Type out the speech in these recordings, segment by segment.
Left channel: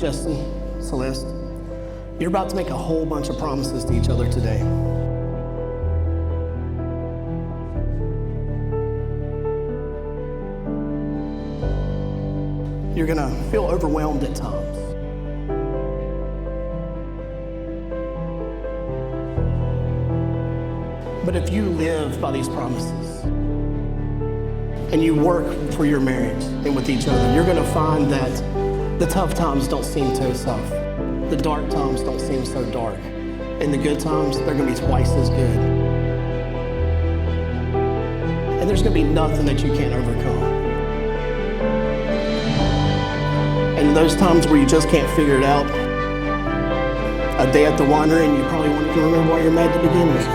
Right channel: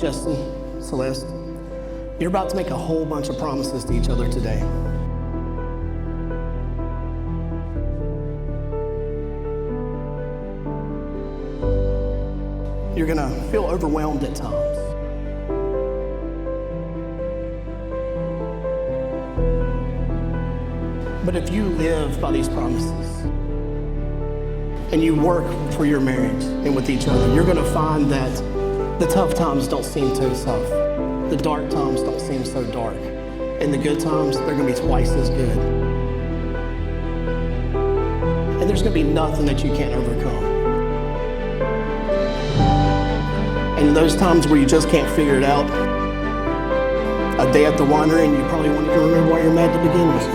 Justin, Celeste, you're about to make a whole bunch of promises to each other today. You're gonna feel overwhelmed at times. But if you live by these promises and you work for your marriage and with each other, you're gonna find that the tough times don't seem so tough. The dark times don't seem so dark. And the good times, they're gonna be twice as good. And there's gonna be nothing that you can't overcome. And those times where you just can't figure it out, a day at the winery and you probably won't even remember why you're mad to begin with.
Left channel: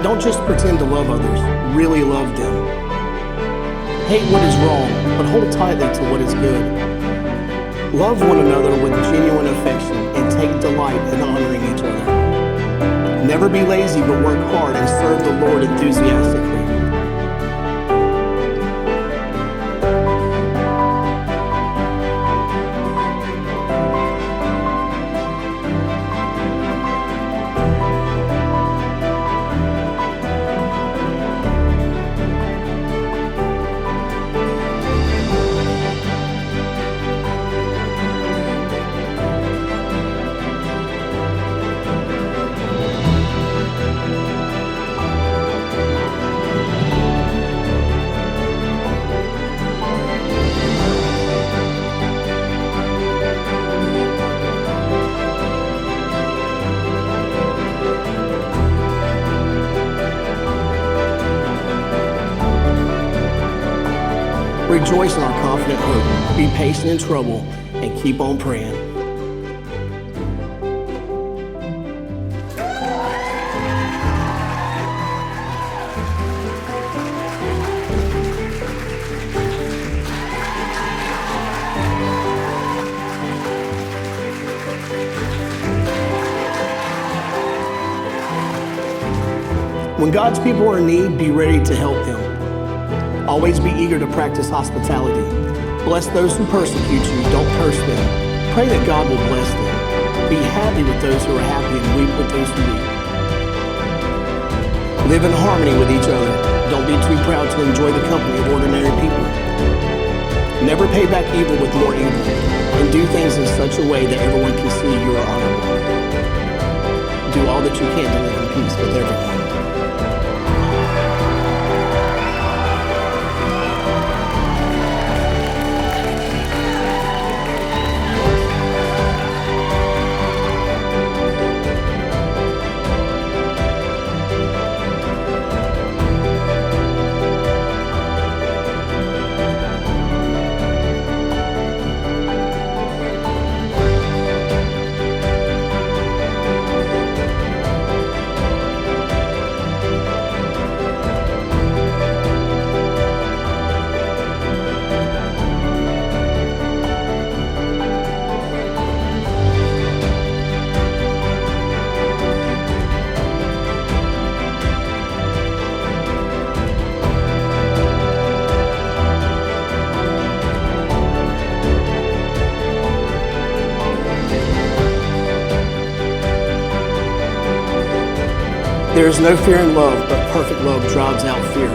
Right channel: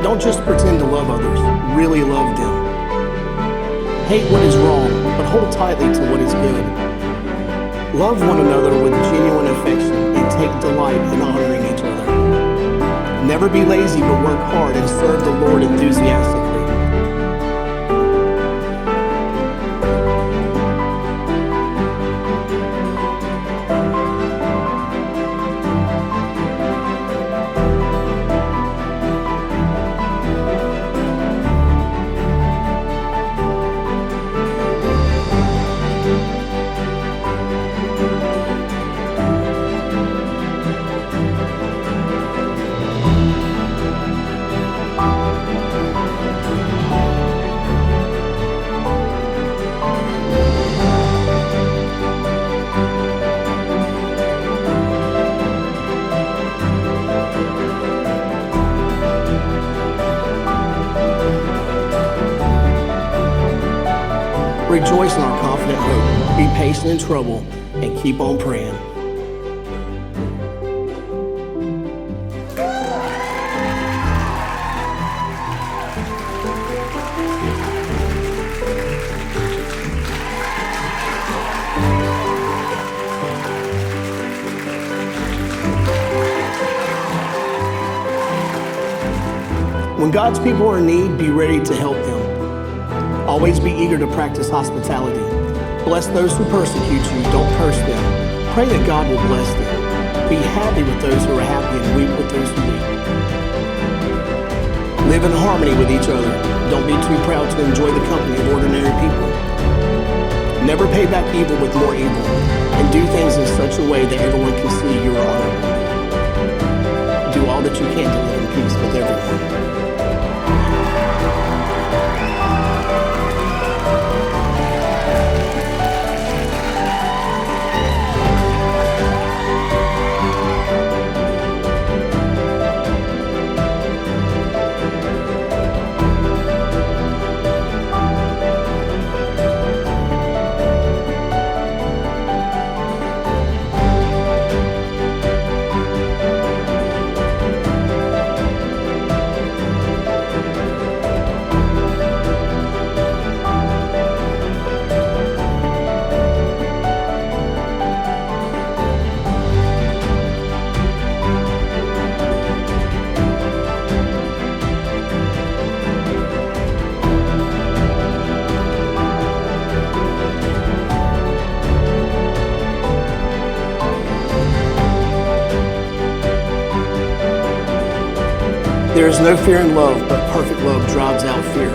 Don't just pretend to love others, really love them. Hate what is wrong, but hold tightly to what is good. Love one another with genuine affection and take delight in honoring each other. Never be lazy, but work hard and serve the Lord enthusiastically. Rejoice in our confident hope. Be patient in trouble and keep on praying. When God's people are in need, be ready to help them. Always be eager to practice hospitality. Bless those who persecute you, don't curse them. Pray that God will bless them. Be happy with those who are happy and weep with those who weep. Live in harmony with each other. Don't be too proud to enjoy the company of ordinary people. Never pay back evil with more evil, and do things in such a way that everyone can see you are honorable. Do all that you can to live in peace with everyone. There is no fear in love, but perfect love drives out fear.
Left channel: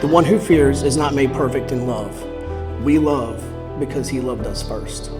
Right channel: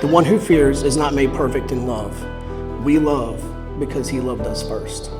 The one who fears is not made perfect in love. We love because he loved us first.